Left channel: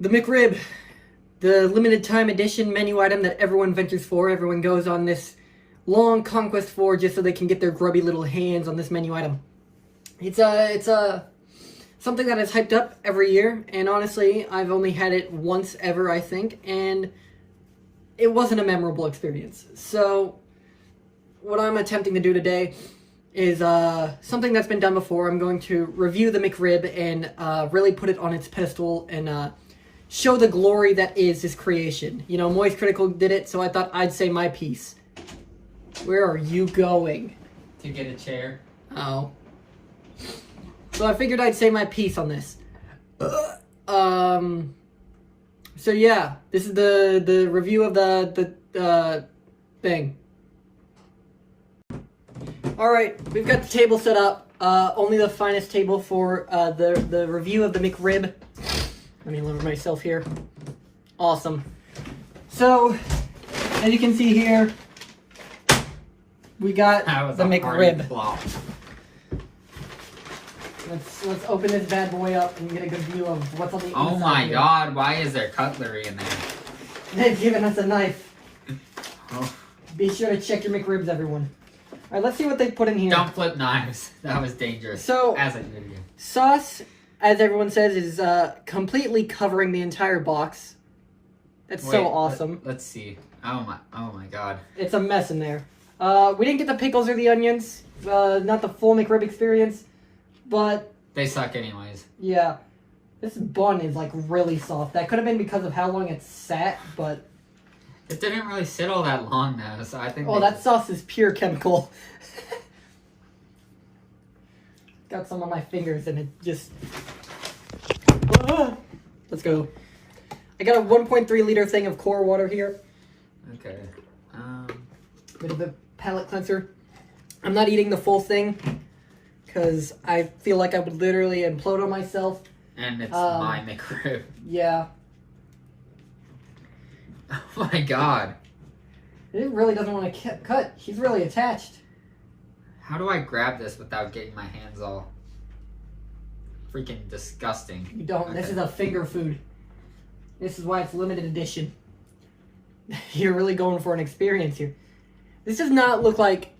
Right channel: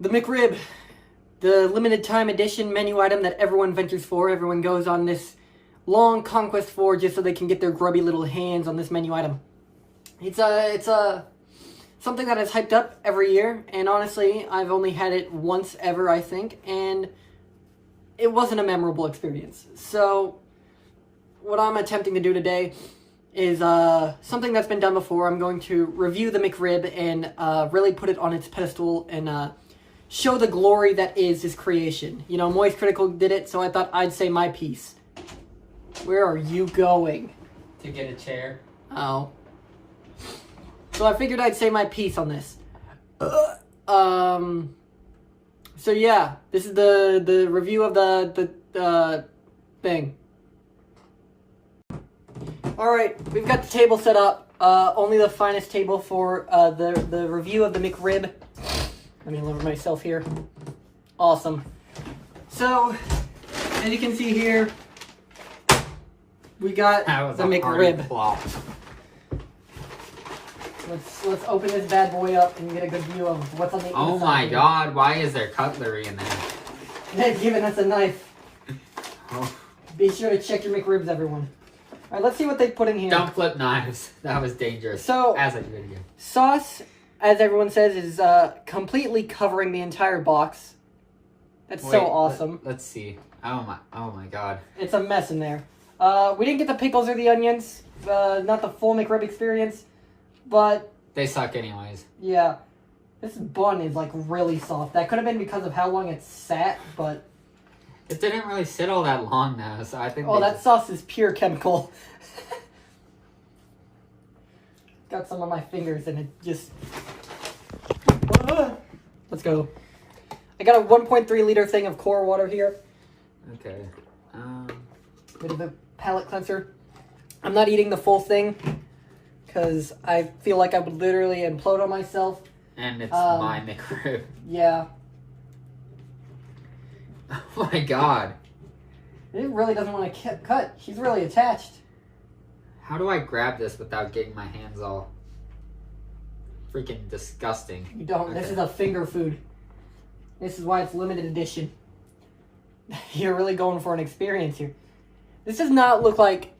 The McRib, the limited time edition menu item that everyone ventures for. Everyone goes on this long conquest for just so they can get their grubby little hands on this menu item. It's something that is hyped up every year, and honestly, I've only had it once ever, I think, and it wasn't a memorable experience. So, what I'm attempting to do today is something that's been done before. I'm going to review the McRib and really put it on its pedestal and show the glory that is his creation. You know, Moist Critical did it, so I thought I'd say my piece. Where are you going? To get a chair. Oh. So I figured I'd say my piece on this. So yeah, this is the review of the thing. Alright, we've got the table set up. Only the finest table for the review of the McRib. Let me lower myself here. Awesome. So, as you can see here, we got the McRib. Let's open this bad boy up and get a good view of what's on the inside. Oh my here. god, why is there cutlery in there? They've given us a knife. Oh. Be sure to check your McRibs, everyone. Alright, let's see what they put in here. Don't flip knives. That was dangerous. So, as a video. Sauce, as everyone says, is completely covering the entire box. That's so awesome. Let's see. Oh my god. It's a mess in there. We didn't get the pickles or the onions. Not the full McRib experience. But they suck anyways. Yeah. This bun is like really soft. That could have been because of how long it sat, but it didn't really sit all that long though, so I think that sauce is pure chemical. Got some on my fingers and it just Let's go. I got a 1.3 liter thing of core water here. Okay. Bit of a palate cleanser. I'm not eating the full thing because I feel like I would literally implode on myself. And it's my McRib. Yeah. Oh my god. It really doesn't want to cut. She's really attached. How do I grab this without getting my hands all freaking disgusting? You don't. Okay. This is a finger food. This is why it's limited edition. You're really going for an experience here. This does not look like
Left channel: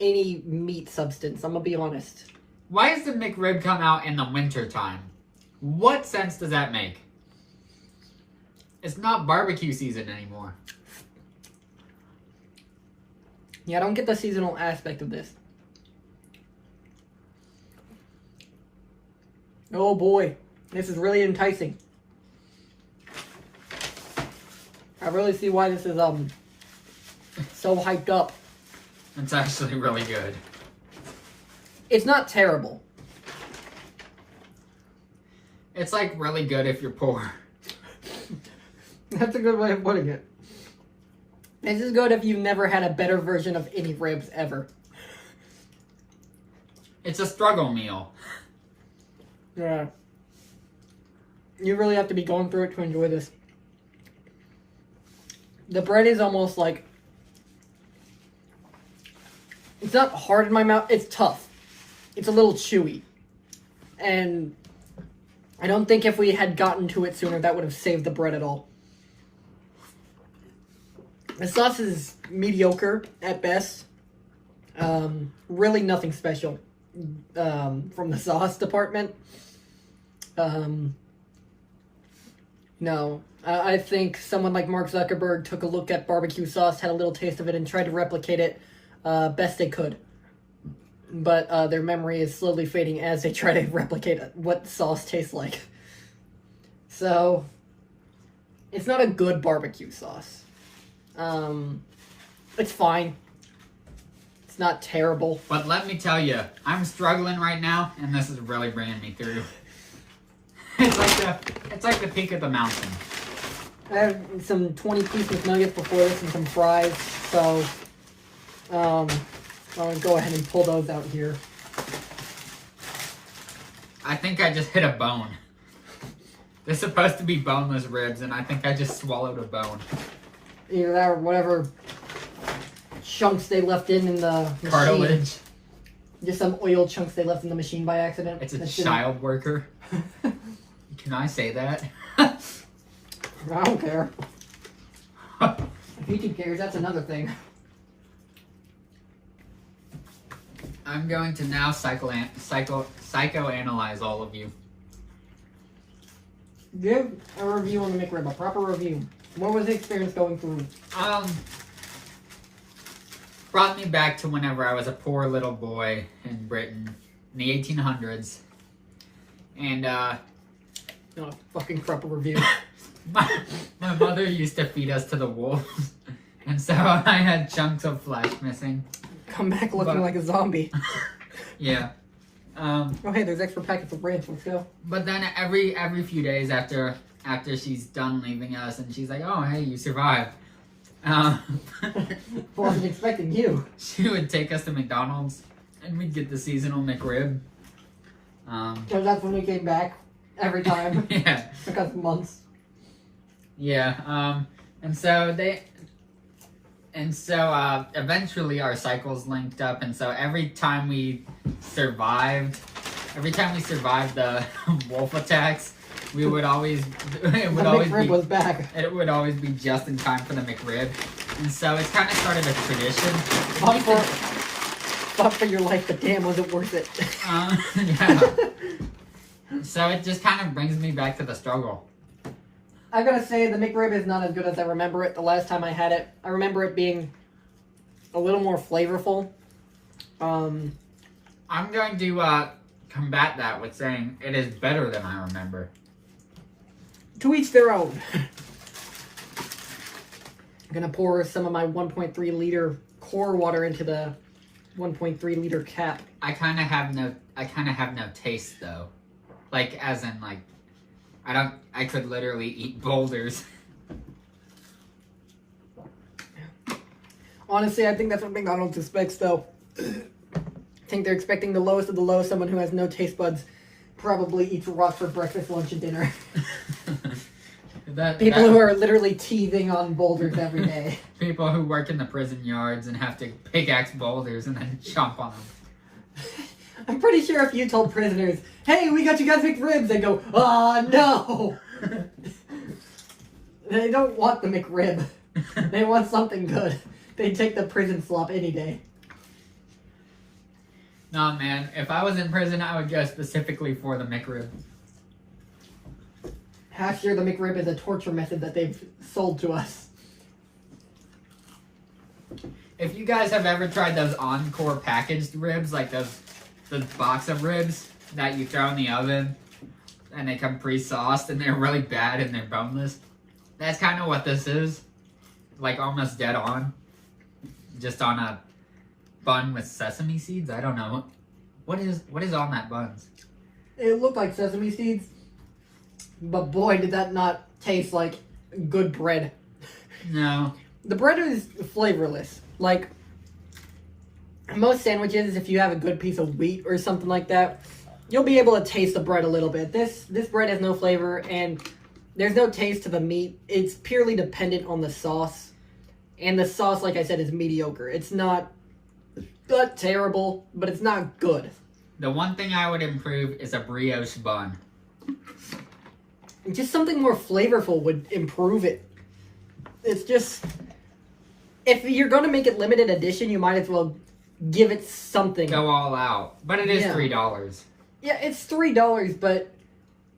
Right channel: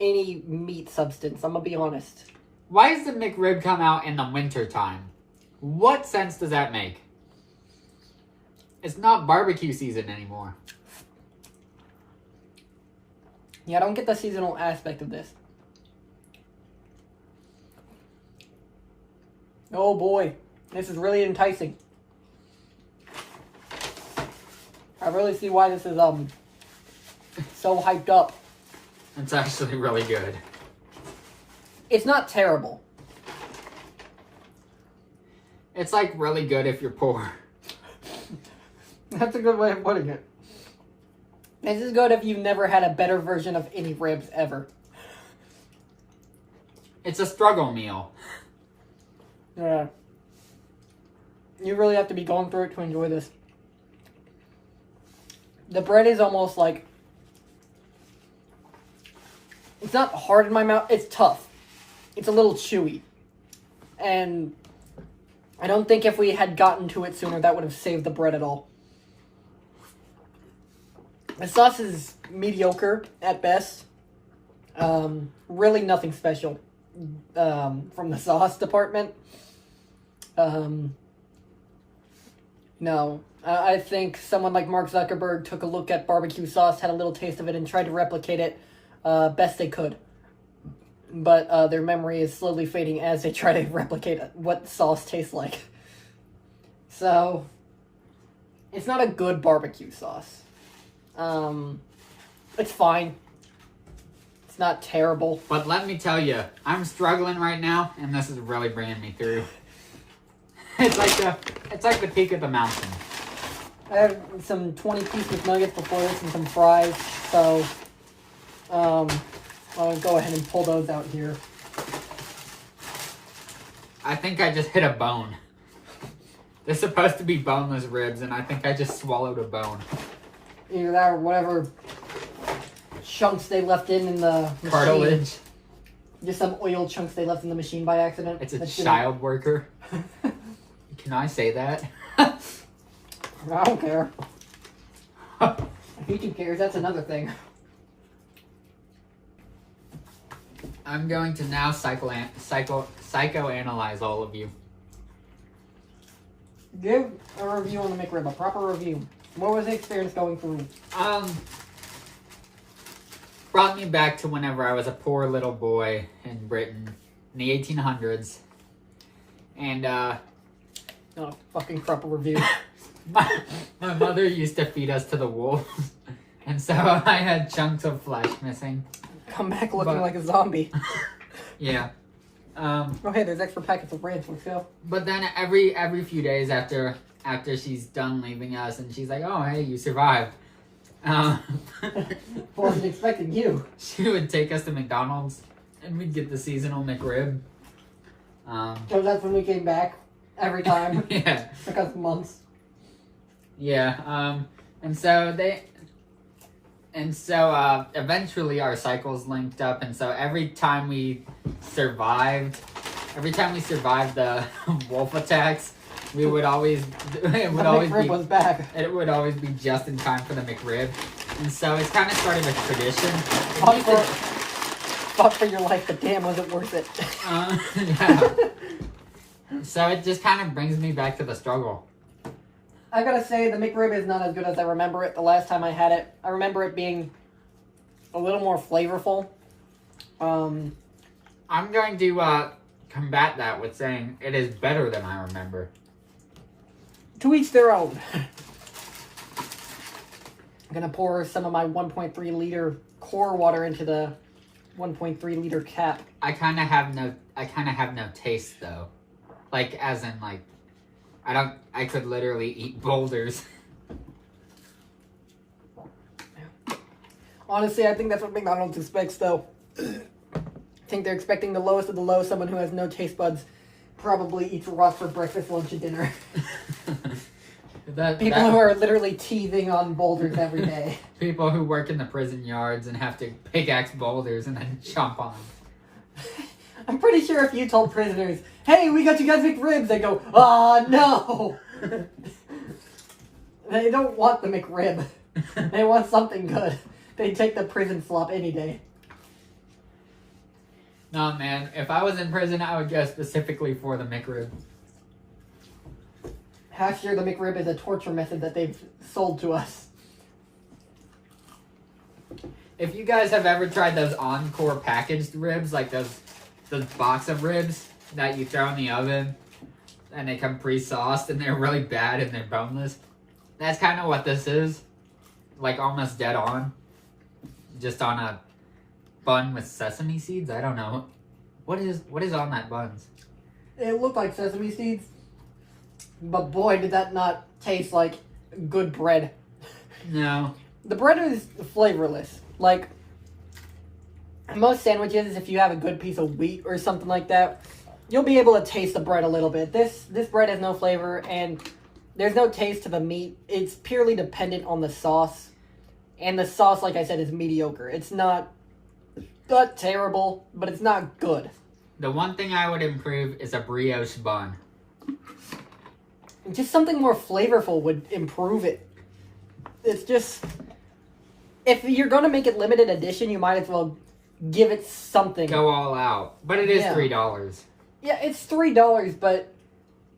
any meat substance, I'm gonna be honest. Why does the McRib come out in the winter time? What sense does that make? It's not barbecue season anymore. Yeah, I don't get the seasonal aspect of this. Oh boy, this is really enticing. I really see why this is so hyped up. It's actually really good. It's not terrible. It's like really good if you're poor. That's a good way of putting it. This is good if you've never had a better version of any ribs ever. It's a struggle meal. Yeah. You really have to be going through it to enjoy this. The bread is almost like... It's not hard in my mouth. It's tough. It's a little chewy. And I don't think if we had gotten to it sooner, that would have saved the bread at all. The sauce is mediocre at best. Really nothing special from the sauce department. No. I think someone like Mark Zuckerberg took a look at barbecue sauce, had a little taste of it, and tried to replicate it best they could. But their memory is slowly fading as they try to replicate what sauce tastes like. So, it's not a good barbecue sauce. It's fine. It's not terrible. But let me tell you, I'm struggling right now, and this is really bringing me through. It's like the peak of the mountain. I have some 20-piece McNuggets before this and some fries, so I'll go ahead and pull those out here. I think I just hit a bone. They're supposed to be boneless ribs, and I think I just swallowed a bone. Either that or whatever chunks they left in the machine. Cartilage. Just some oil chunks they left in the machine by accident. It's a child worker. Can I say that? I don't care. YouTube cares, that's another thing. I'm going to now psychoanalyze all of you. Give a review on the McRib, a proper review. What was the experience going through? Brought me back to whenever I was a poor little boy in Britain in the 1800s. And, Not a fucking proper review. my mother used to feed us to the wolves. And so I had chunks of flesh missing. Come back looking like a zombie. Yeah. Oh hey, there's extra packets of ranch. Let's go. But then every few days after she's done leaving us, and she's like, "Oh hey, you survived." Wasn't expecting you. She would take us to McDonald's, and we'd get the seasonal McRib. So that's when we came back every time. Yeah. Took us months. Yeah. And so eventually our cycles linked up, and so every time we survived the wolf attacks, we would always McRib was back. It would always be just in time for the McRib, and so it's kind of started a tradition. Fought for your life, but damn, was it worth it? Yeah. So it just kind of brings me back to the struggle. I gotta say, the McRib is not as good as I remember it the last time I had it. I remember it being a little more flavorful. I'm going to combat that with saying it is better than I remember. To each their own. I'm gonna pour some of my 1.3 liter core water into the 1.3 liter cap. I kind of have no taste though. Like, as in, like, I could literally eat boulders. Honestly, I think that's what McDonald's expects, though. I think they're expecting the lowest of the low. Someone who has no taste buds probably eats rocks for breakfast, lunch, and dinner. People who are literally teething on boulders every day. People who work in the prison yards and have to pickaxe boulders and then chomp on them. I'm pretty sure if you told prisoners, "Hey, we got you guys McRibs," they go, "Ah, no!" They don't want the McRib. They want something good. They'd take the prison slop any day. No, man. If I was in prison, I would go specifically for the McRib. Half sure the McRib is a torture method that they've sold to us. If you guys have ever tried those Encore packaged ribs, like those box of ribs that you throw in the oven and they come pre-sauced and they're really bad and they're boneless, that's kind of what this is. Like, almost dead on. Just on a bun with sesame seeds. I don't know. What is on that bun? It looked like sesame seeds, but boy, did that not taste like good bread. No. The bread is flavorless. Like, most sandwiches, if you have a good piece of wheat or something like that, you'll be able to taste the bread a little bit. This bread has no flavor, and there's no taste to the meat. It's purely dependent on the sauce. And the sauce, like I said, is mediocre. It's not terrible, but it's not good. The one thing I would improve is a brioche bun. Just something more flavorful would improve it. It's just, if you're going to make it limited edition, you might as well give it something. Go all out. But it is $3. Yeah, it's $3, but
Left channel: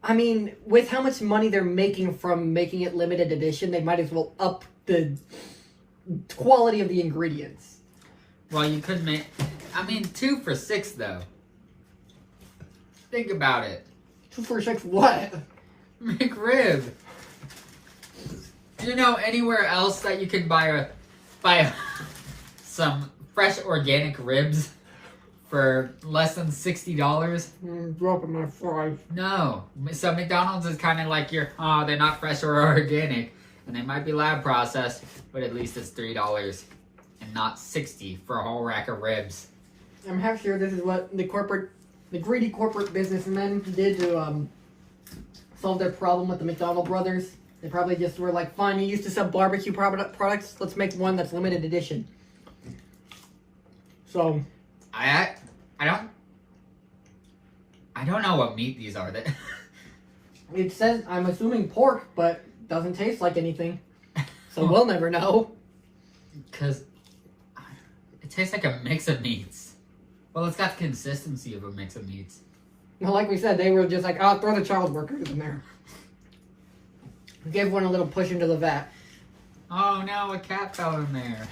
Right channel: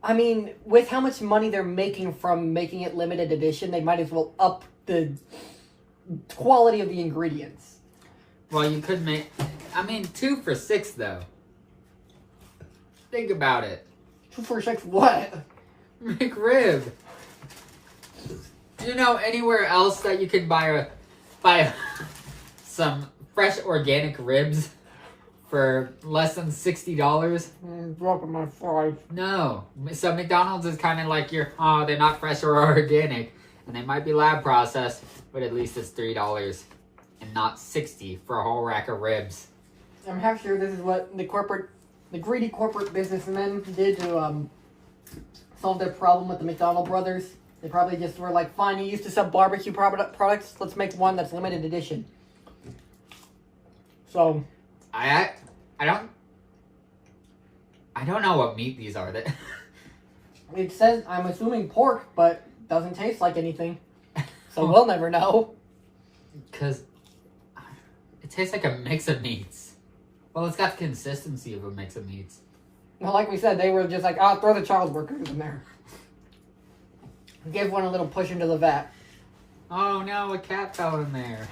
I mean, with how much money they're making from making it limited edition, they might as well up the quality of the ingredients. Well, you could make, 2 for $6 though. Think about it. 2 for $6 what? McRib. Do you know anywhere else that you could buy some fresh organic ribs for less than $60? Dropping my fries. No. So McDonald's is kind of like they're not fresh or organic, and they might be lab processed, but at least it's $3 and not $60 for a whole rack of ribs. I'm half sure this is what the greedy corporate businessmen did to solve their problem with the McDonald brothers. They probably just were like, fine, you used to sell barbecue products, let's make one that's limited edition. So, I don't know what meat these are. It says, I'm assuming pork, but doesn't taste like anything. So we'll never know. Because it tastes like a mix of meats. Well, it's got the consistency of a mix of meats. Well, like we said, they were just like, oh, throw the child workers in there. Give one a little push into the vat. Oh no, a cat fell in there.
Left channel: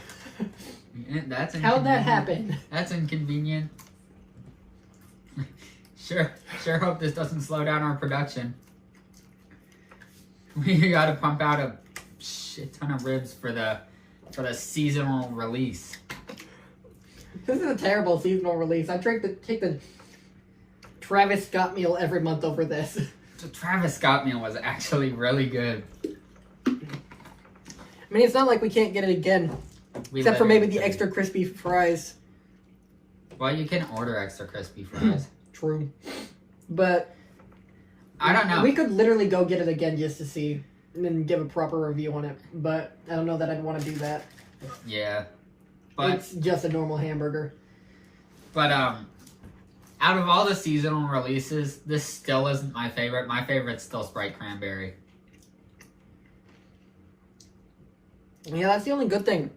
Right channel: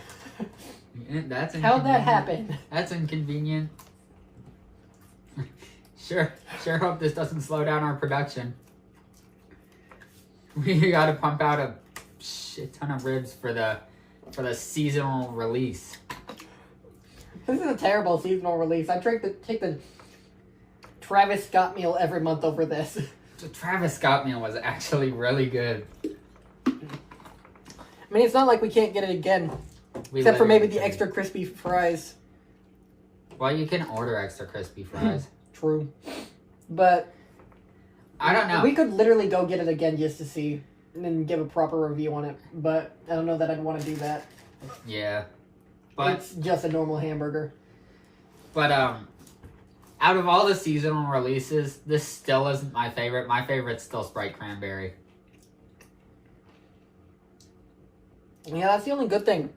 That's inconvenient. How'd that happen? That's inconvenient. Sure hope this doesn't slow down our production. We gotta pump out a shit ton of ribs for the seasonal release. This is a terrible seasonal release. I take the Travis Scott meal every month over this. The Travis Scott meal was actually really good. I mean, it's not like we can't get it again. Except for maybe the extra crispy fries. Well, you can order extra crispy fries. True. But I don't know. We could literally go get it again just to see and then give a proper review on it. But I don't know that I'd want to do that. Yeah. But it's just a normal hamburger. But out of all the seasonal releases, this still isn't my favorite. My favorite's still Sprite Cranberry. Yeah, that's the only good thing.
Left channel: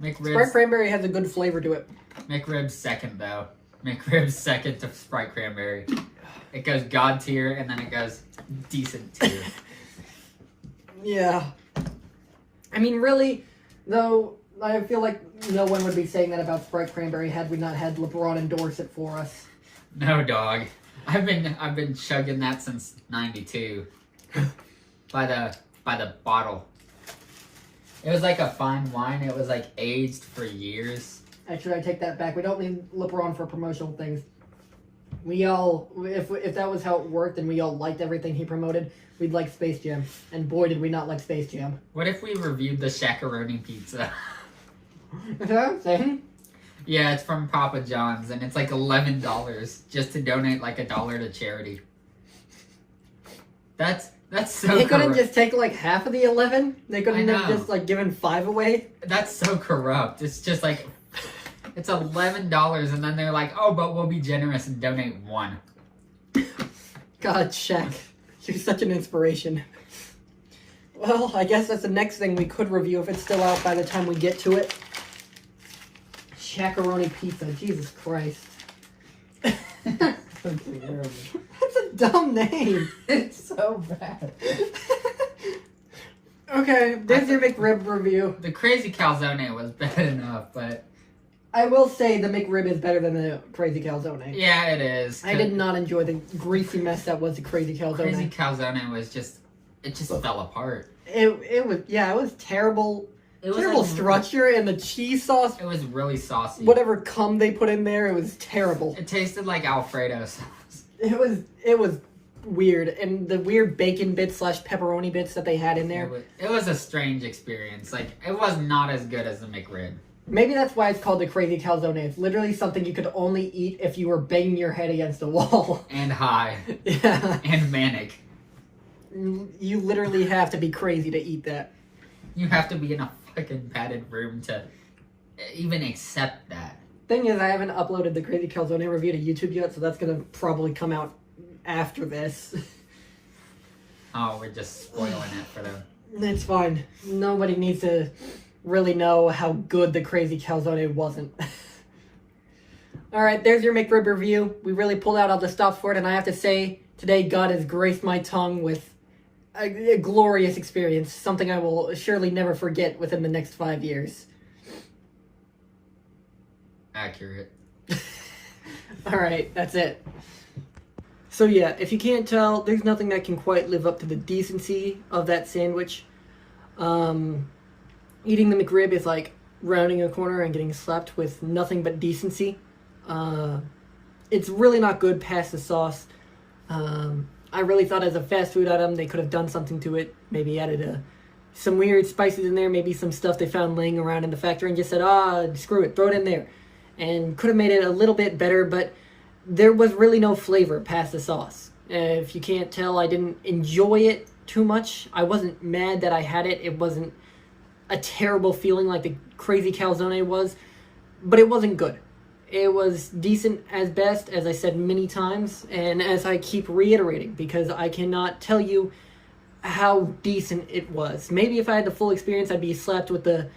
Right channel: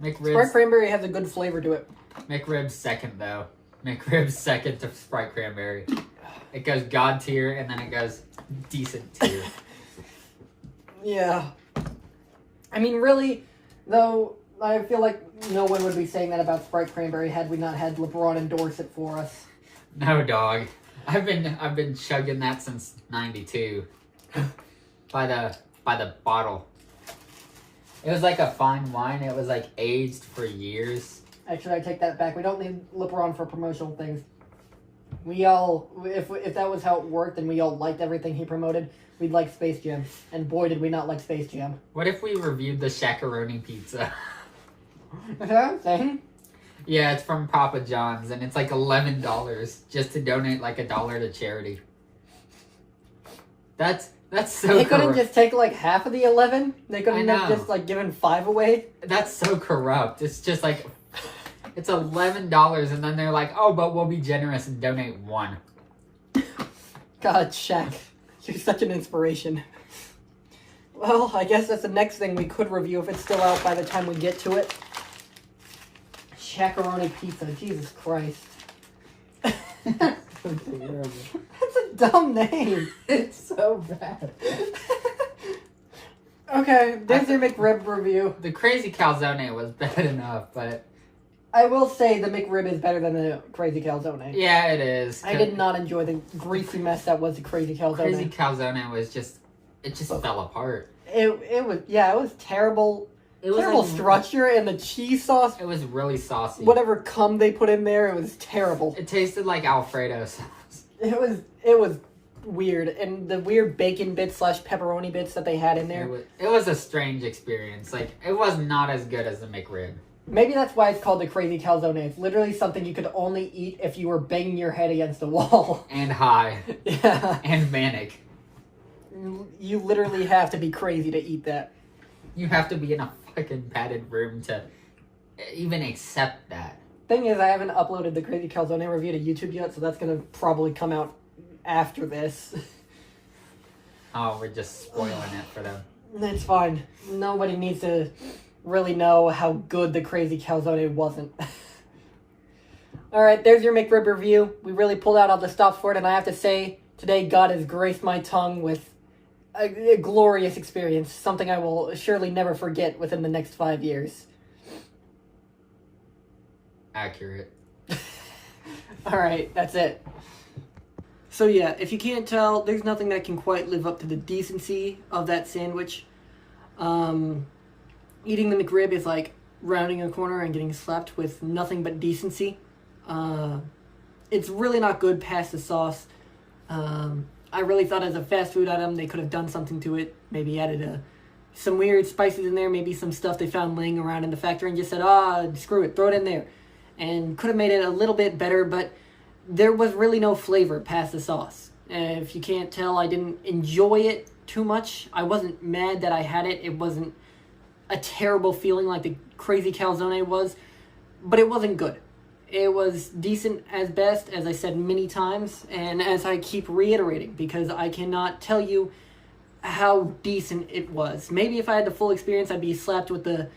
McRib's, Sprite Cranberry has a good flavor to it. McRib's second, though. McRib's second to Sprite Cranberry. It goes God tier, and then it goes decent tier. Yeah. I mean, really, though, I feel like no one would be saying that about Sprite Cranberry had we not had LeBron endorse it for us. No, dog. I've been chugging that since '92. by the bottle. It was like a fine wine. It was like aged for years. Actually, I take that back. We don't need LeBron for promotional things. We all, if that was how it worked and we all liked everything he promoted, we'd like Space Jam. And boy, did we not like Space Jam. What if we reviewed the Shakaroni pizza? Is that a thing? Yeah, it's from Papa John's, and it's like $11 just to donate like $1 to charity. That's so They couldn't just take like half of the 11? They couldn't have know. just like given 5 away? That's so corrupt. It's just like, it's $11, and then they're like, oh, but we'll be generous and donate 1. God, Shaq. You're such an inspiration. Well, I guess that's the next thing we could review if it's still out by the time we get to it. Shakaroni pizza. Jesus Christ. That's a dumb name. It's so bad. Okay, there's your McRib review. The Crazy Calzone was bad enough, but... I will say the McRib is better than the Crazy Calzone. Yeah, it is. I did not enjoy the greasy mess that was the Crazy Calzone. Crazy Calzone was just... It just fell apart. It was terrible. It was terrible like, structure, and the cheese sauce. It was really saucy. Whatever cum they put in there, it was terrible. It tasted like Alfredo sauce. It was weird, and the weird bacon bits / pepperoni bits that they had in there. It was a strange experience. Like, it was not as good as the McRib. Maybe that's why it's called the Crazy Calzone. It's literally something you could only eat if you were banging your head against a wall. And high. Yeah. And manic. You literally have to be crazy to eat that. You have to be in a fucking padded room to even accept that. Thing is, I haven't uploaded the Crazy Calzone review to YouTube yet, so that's gonna probably come out after this. Oh, we're just spoiling it for them. That's fine. Nobody needs to really know how good the Crazy Calzone wasn't. Alright, there's your McRib review. We really pulled out all the stops for it, and I have to say, today God has graced my tongue with a glorious experience. Something I will surely never forget within the next 5 years. Accurate. Alright, that's it. So yeah, if you can't tell, there's nothing that can quite live up to the decency of that sandwich. Eating the McRib is like rounding a corner and getting slapped with nothing but decency. It's really not good past the sauce. I really thought as a fast food item they could have done something to it. Maybe added some weird spices in there, maybe some stuff they found laying around in the factory and just said, screw it, throw it in there. And could have made it a little bit better, but there was really no flavor past the sauce. If you can't tell, I didn't enjoy it too much. I wasn't mad that I had it. It wasn't a terrible feeling like the Crazy Calzone was, but it wasn't good. It was decent as best, as I said many times, and as I keep reiterating, because I cannot tell you how decent it was. Maybe if I had the full experience, I'd be slapped with the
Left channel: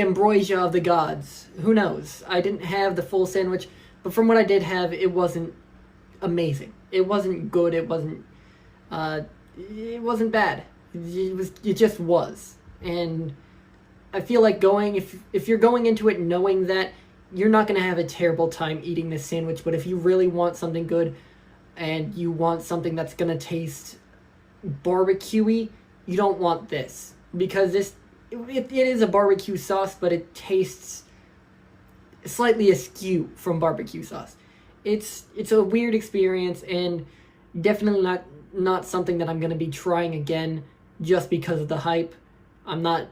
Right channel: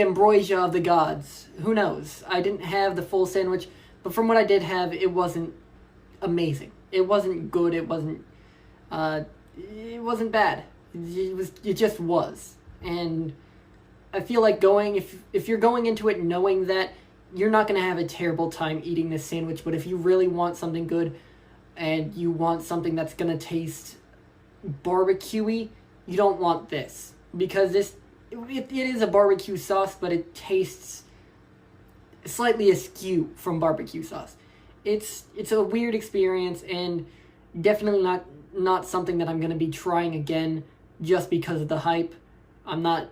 ambrosia of the gods. Who knows? I didn't have the full sandwich, but from what I did have, it wasn't amazing. It wasn't good. It wasn't bad. It just was. And I feel like if you're going into it knowing that, you're not going to have a terrible time eating this sandwich. But if you really want something good and you want something that's going to taste barbecue-y, you don't want this. Because it is a barbecue sauce, but it tastes slightly askew from barbecue sauce. It's a weird experience, and definitely not something that I'm going to be trying again just because of the hype. I'm not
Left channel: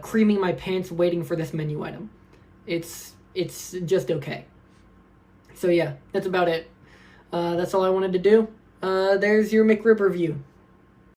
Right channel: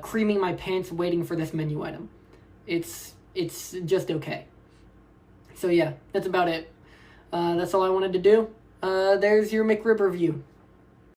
creaming my pants waiting for this menu item. It's just okay. So yeah, that's about it. That's all I wanted to do. There's your McRib review.